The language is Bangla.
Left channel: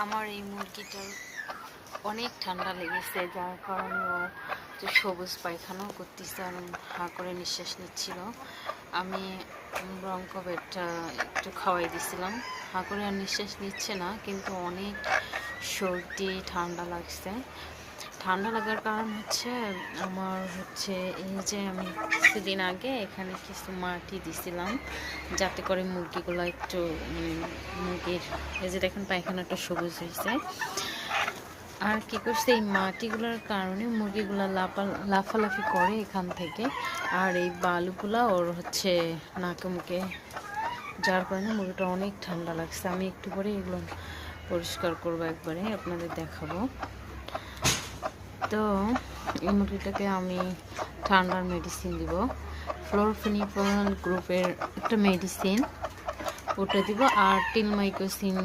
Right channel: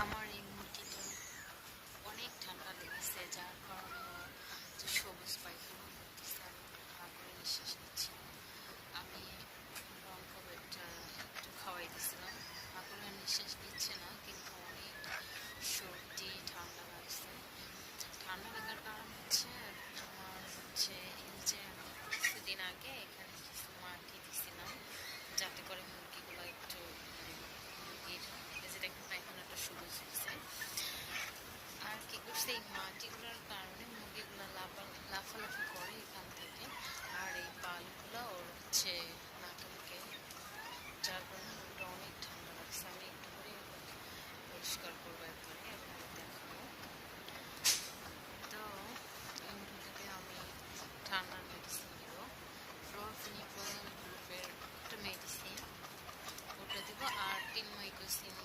আমার এই মুরগিটার অনেক ঠান্ডা লেগেছে, যার কারণে ও যে সবুজ পায়খানাও করতেছে আর হাঁ করে নিঃশ্বাস নিচ্ছিল। আমি ব্রঙ্কোভেটটা একটু খাওয়াই দিছিলাম, হাঁ করে আর নিঃশ্বাস নিচ্ছে না, কিন্তু অনেক সর্দি ঠান্ডা লাগছে। ঠান্ডা লাগার কারণ হচ্ছে আমার হচ্ছে এই যে আমি কিছুদিন আগে এখানে কিছু মাটি দিছিলাম যাতে করে মুরগিগুলো একটু মানে মুরগির এই যে দেখেন পায়খানাটা সবুজ হয়েছে। আর কি করছে, এই মাটিগুলোর কারণে মুরগিগুলো লাফালাফি করে এখান থেকে, আর এই বালুগুলা ওর হচ্ছে নাকে মুখে, যার কারণে মুরগিটা অনেক ঠান্ডা লাগছে। আমি একটু পরে এগুলো পরিষ্কার করবো, একবারে আপনাদের দেখাবো। তো এই মুরগিটাকে আমি ঠান্ডার মেডিসিন দিব, ফ্লোরফেনিকোল গ্রুপের একটা মেডিসিন, ওটা দিব, আর টিলমাইকোসিন